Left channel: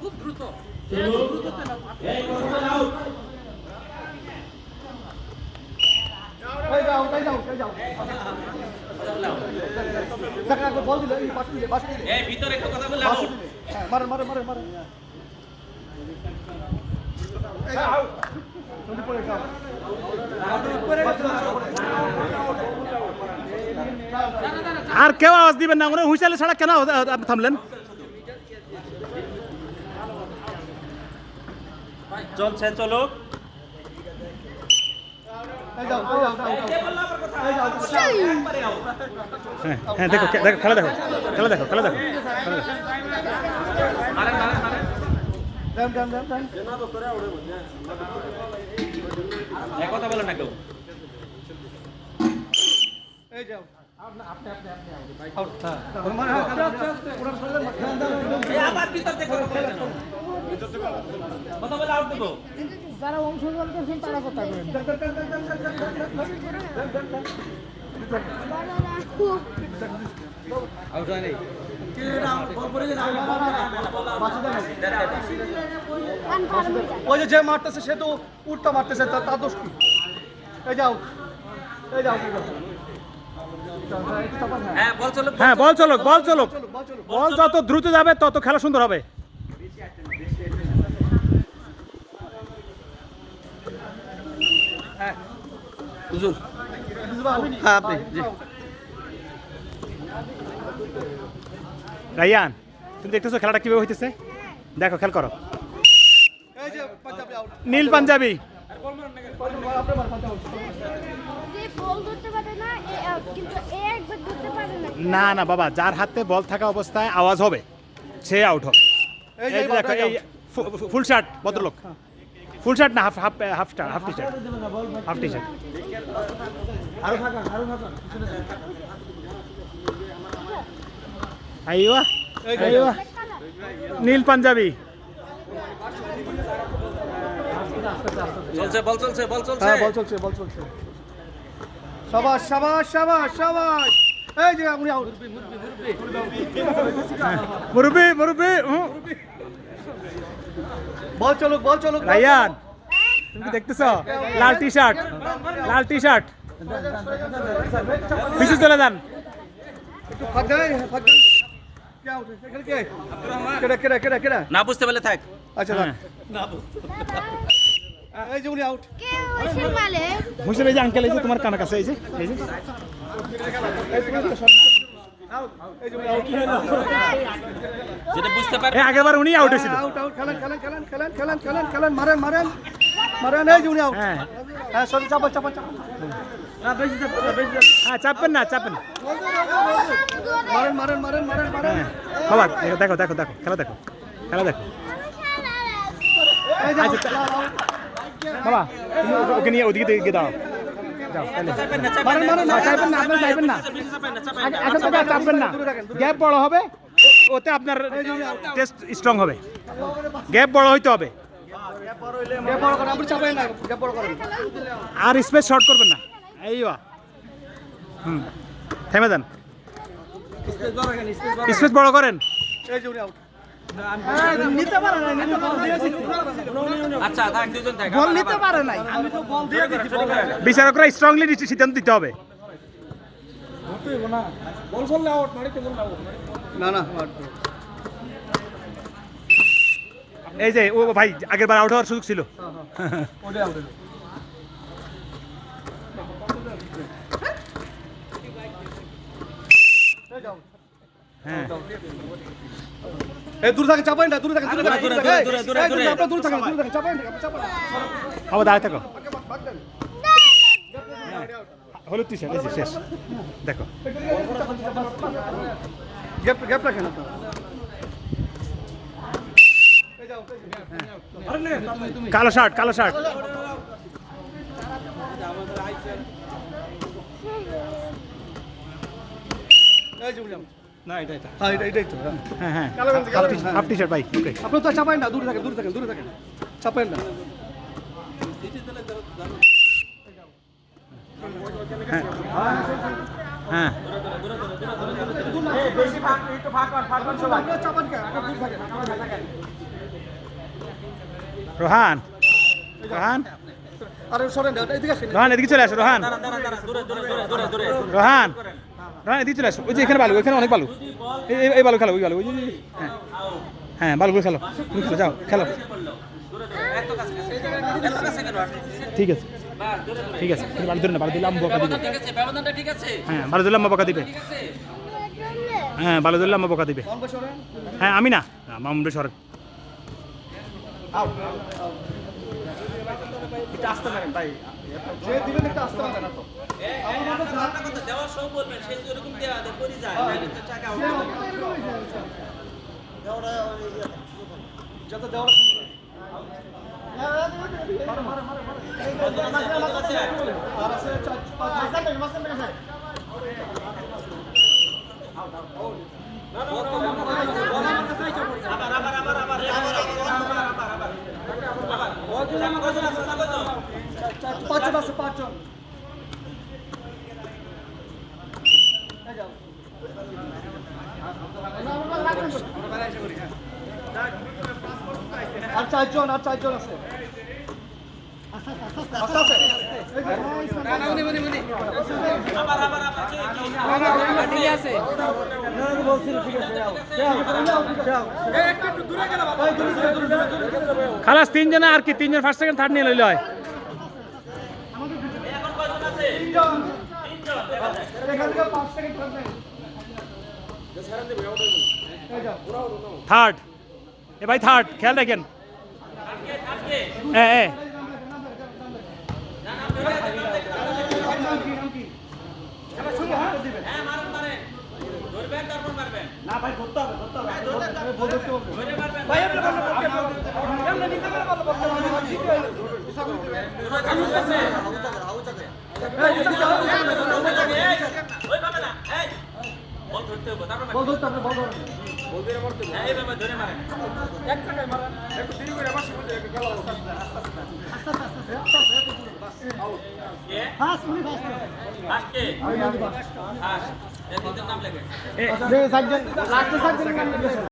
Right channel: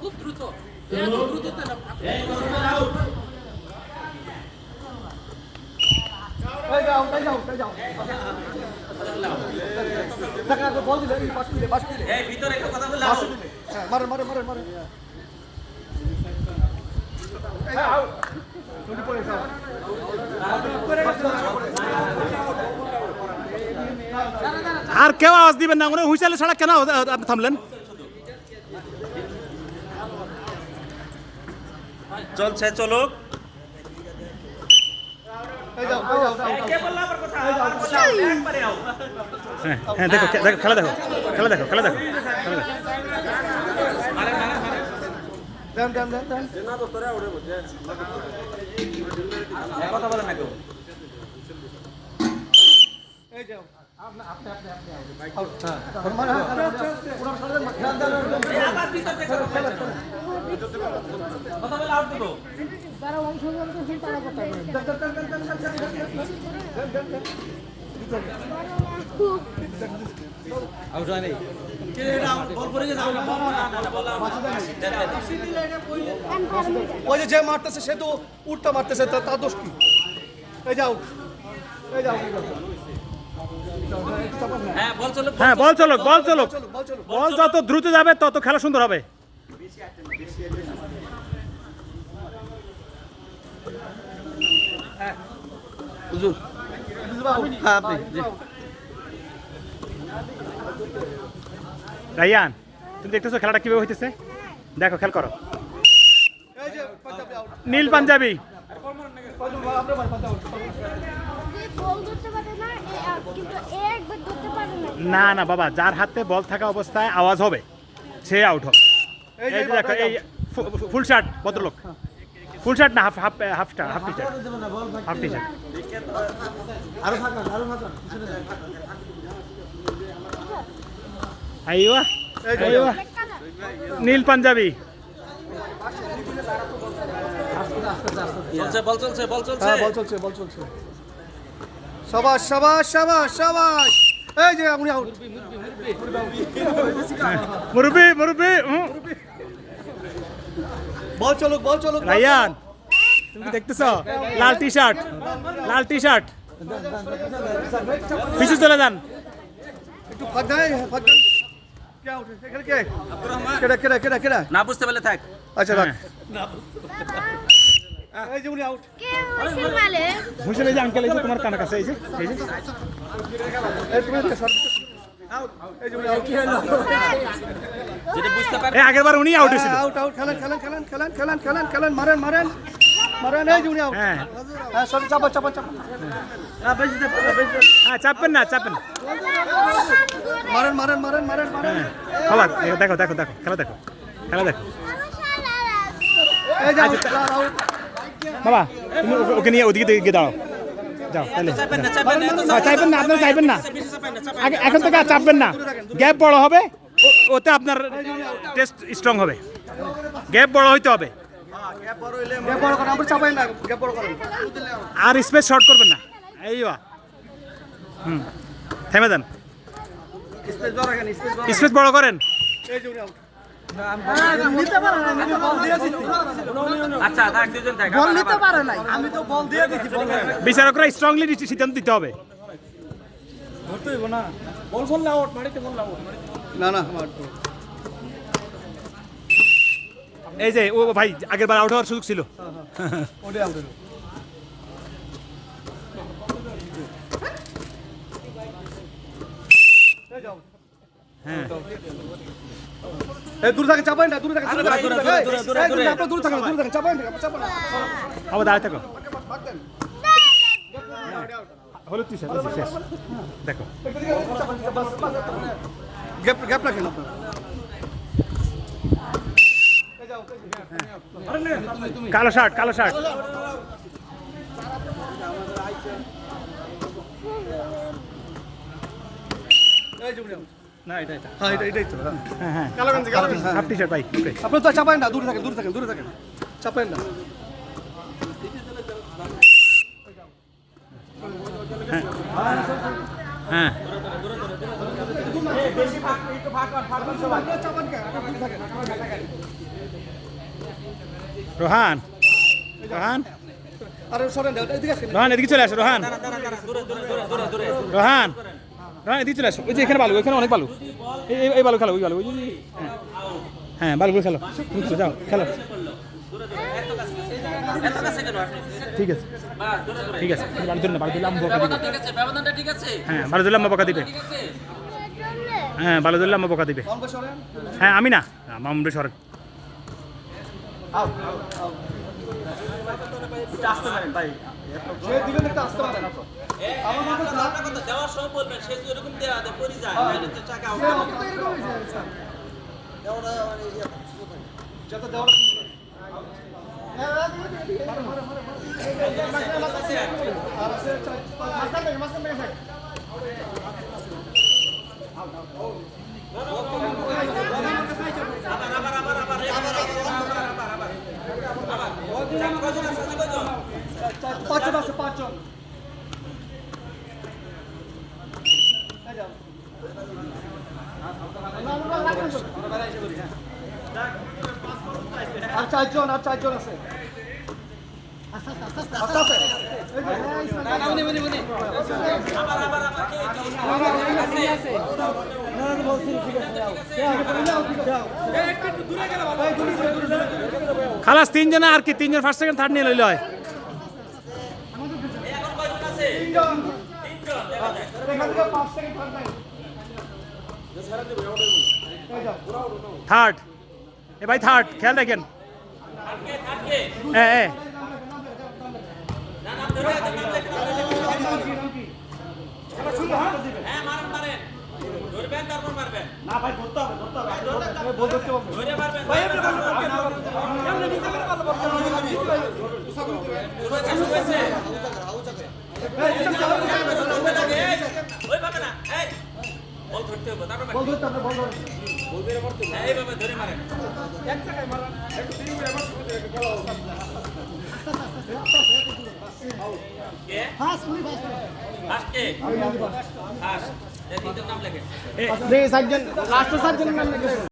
খুব দ্রুত। বল দিলে বাস দিলে বাস দিলে। মারে মারে মারে মারে। আর কেউ আওয়াজ দিবেন না উনি হুইসালে ছাড়া কেন থামলেন চলছে চলো এই যাও এই যাও, এই যাও কে বলল আবার কথা আবার বলল, আউট, একবারে আউট। হ্যাঁ হ্যাঁ দেখো দেখো খেলা দেখো খেলা দেখো খেলা দেখো খেলা দেখো ওই যে যে মারতেছে সে তো উঠটা মারতেছে তার দোষ কি এই যাও এই যাও। হ্যাঁ বল চলো হ্যাঁ বল চলো বল চলো চলো বল চলো বল যত দ্রুত যাবে তত খেলা সুন্দর হবে। হ্যাঁ রাইয়ান তুমি দেখতেছো খেলাটা কীভাবে হইতেছে? দেখো খেল করো। এই পাঞ্জাবি। আউট নীল পাঞ্জাবি না না। না না বাবা যার হাতে বল থাকা অবস্থায় আওয়াজ হবে সে আউট হবে। এই দেখো এই ফুল শার্ট ভদ্রলোক। ফুল শার্ট না হাফ হাফ হাফটা half T shirt half T shirt আরও ফাঁকা আরও ফাঁকা আইওয়া এই আইওয়া। নীল পাঞ্জাবি। চলছে বল চলছে বল চলছে। হ্যাঁ বল চলছে বল চলছে। সাবাস সাবাস সাবাস সাবাস। এই যে আপনি আউট। মুরব্বি মুরব্বি বল চলুক বল চলুক। রাইয়ান তুমি কি দেখতেছ? লাল টি শার্ট লাল টি শার্ট পিছু চলে যান। একটু কেডা কেডা কেডা না বুঝতে পারলে থাক। আচ্ছা হ্যাঁ। এই যে উনি আউট কে হয়েছে মালিক বুঝলে এই যে আঙ্কেল এই যে তোমার কানের কাছে এই যে। এই যে। এই তুমি একটা শট আউট এই যে উনি আউট যেটা বুঝতে পারে এই আগের বার উনি আউট হয়েছিল আউট আউট খেলেন খেলেন খেলেন খেলেন খেলেন খেলেন খেলেন মারেন মারেন মারেন এই যে উনি আউট হ্যাঁ। হ্যাঁ সরি চাপা চাপা চাপা। না বেশি চাপা না, বেশি চাপবেন না চাপবেন মারেন মারেন মারেন মারেন মারেন। বাবা দেখো দেখো দেখো দেখো খেলা দেখো খেলা দেখো। আচ্ছা, বাবা তুমি ওকে- নিয়ে ওদিকে দিকে দাও। যাও তাহলে। চাইবেন না আপনারা চাইবেন না এখন থেকে আর চাপবেন না। গ্যাপ বড় হবে ওতে আপনার টেস্ট স্ট্রং হবে। গ্যাপ বড় হইতে হবে। আর স্পেস শর্ট করবেন না। এই বা হুম থেমে দেন স্পেস বড় করেন। আচ্ছা বিচারকরা স্ট্রংলি সিদ্ধান্ত দিতে হবে। বল বল আউট মারিতে বল আউট। না না। এই যে ও ভাই আগের বার আউট হওয়ার সুযোগ ছিল ওটা আউট এই যাও হ্যাঁ। এই দূর থাকেন চাপাই না দূর থাকেন দূর থাকেন। দূরে, দূরে, দূরে, দূরে, দূরে। দূর থাকেন দূর থাকেন চাপাই না চাপাই না আবার দাঁড়াতে থাকো। হলুদ টি শার্ট শেষ। দেখো। গ্যাপ গ্যাপ রাখেন আপনারা। কালো শার্ট কালো শার্ট। এই out। না এটা এটা। হ্যাঁ এটা এটাই তো হ্যাঁ। হ্যাঁ হ্যাঁ। কালো গেঞ্জি, কালো গেঞ্জি, হ্যাঁ। হাফ টি শার্ট ভাই ওকে আপনি তো চাপাই না দূর থাকেন দূর থাকেন দূর থাকেন। চাপাই না। হ্যাঁ। হ্যাঁ চাপান কে আগে দূর থাকেন রোহান রোহান। আরে সরেন এদিকে রোহান এদিকে চলে আসো রোহান। দাঁড়ান দাঁড়ান দাঁড়ান দূরে দূরে দূরে দূরে দূরে। রোহান। রোহান এদিকে চলে আসো। ওই যে এখানে বালু এখানে অনেক বালু। এই বালু খেলো ওই বালু ওই যে- হ্যাঁ। হ্যাঁ বালুগুলো খেলো তুমি খেলো যাও খেলো। ঠিক আছে ঠিক আছে বালু ধরে না বালু দিলে আম্মা বকা দিবে। হ্যাঁ বালু দিলে আম্মা বকা দিবে। হ্যাঁ বালু দিলে আম্মা বকা দিবে। হ্যাঁ আমি না মামুন্ডে সরেন। যে দিবেন একটা আসতে পারেন আমার মতো না একটা কথা যাওয়ার সময় বলবেন সে যদি এরকম দেওয়া দেয় পরি যায় টাকা আউট যত দেওয়ার শুনবে মারে মারে মারে মারে আর আছে মাসা মেঘ মাসা মেঘ পাঁচজন আছে পাঁচজন। আর চারজন আর চারজন আছে আস্তে আস্তে আস্তে যে। খালাস, তিনজনে আর কি? তিনজন ফার্স্ট সেকেন্ড থার্ড নিয়ে লইল হয়। থার্ড এ ভাই থার্ড খেয়াল রাখেন। এ। না ভাই ধরতে হবে ধরতে হবে বল ধরতে হবে ভাই আপনি বলতে পারবেন কেমনে কেমনে নিতে পারবেন ভালো বলতে ওইভাবে না এই বল ধরতে হবে তারপর বল ধরতে হবে বল ধরতে এইভাবে ধরে মারেন কে ফাস্ট মিনিট লাস্ট কে আমি আমি লাস্ট এই তিনজন নাম লেখে এ লাস্টে সার্জন